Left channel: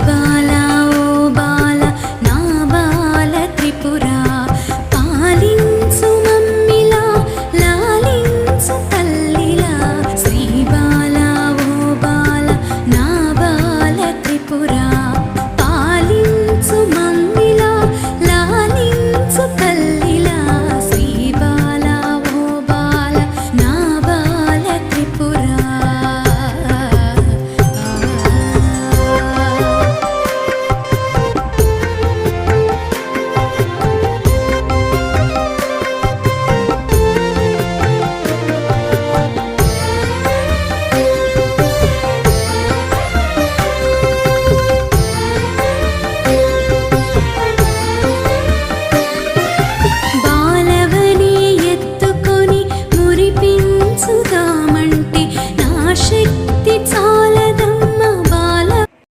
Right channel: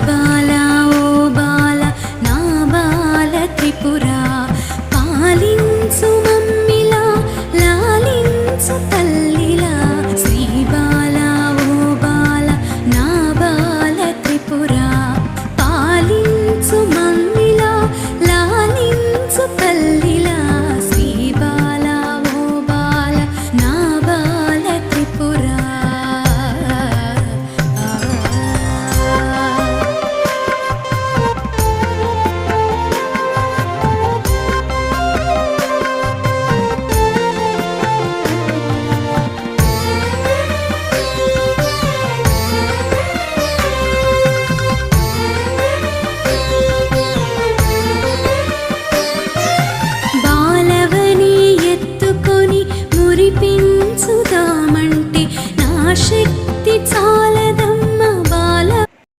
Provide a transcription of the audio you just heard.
బాల ఓ బాల నా బాల త్రిపురా పాలించు మమ్మిలా లాలించు తల్లిలా శ్రీ బాల ఓ బాల నా బాల త్రిపురా పాలించు మమ్మిలా లాలించు తల్లిలా శ్రీ బాల ఓ బాల నా బాల త్రిపురా మురిపించుదామంటే నా శక్తి చాలదా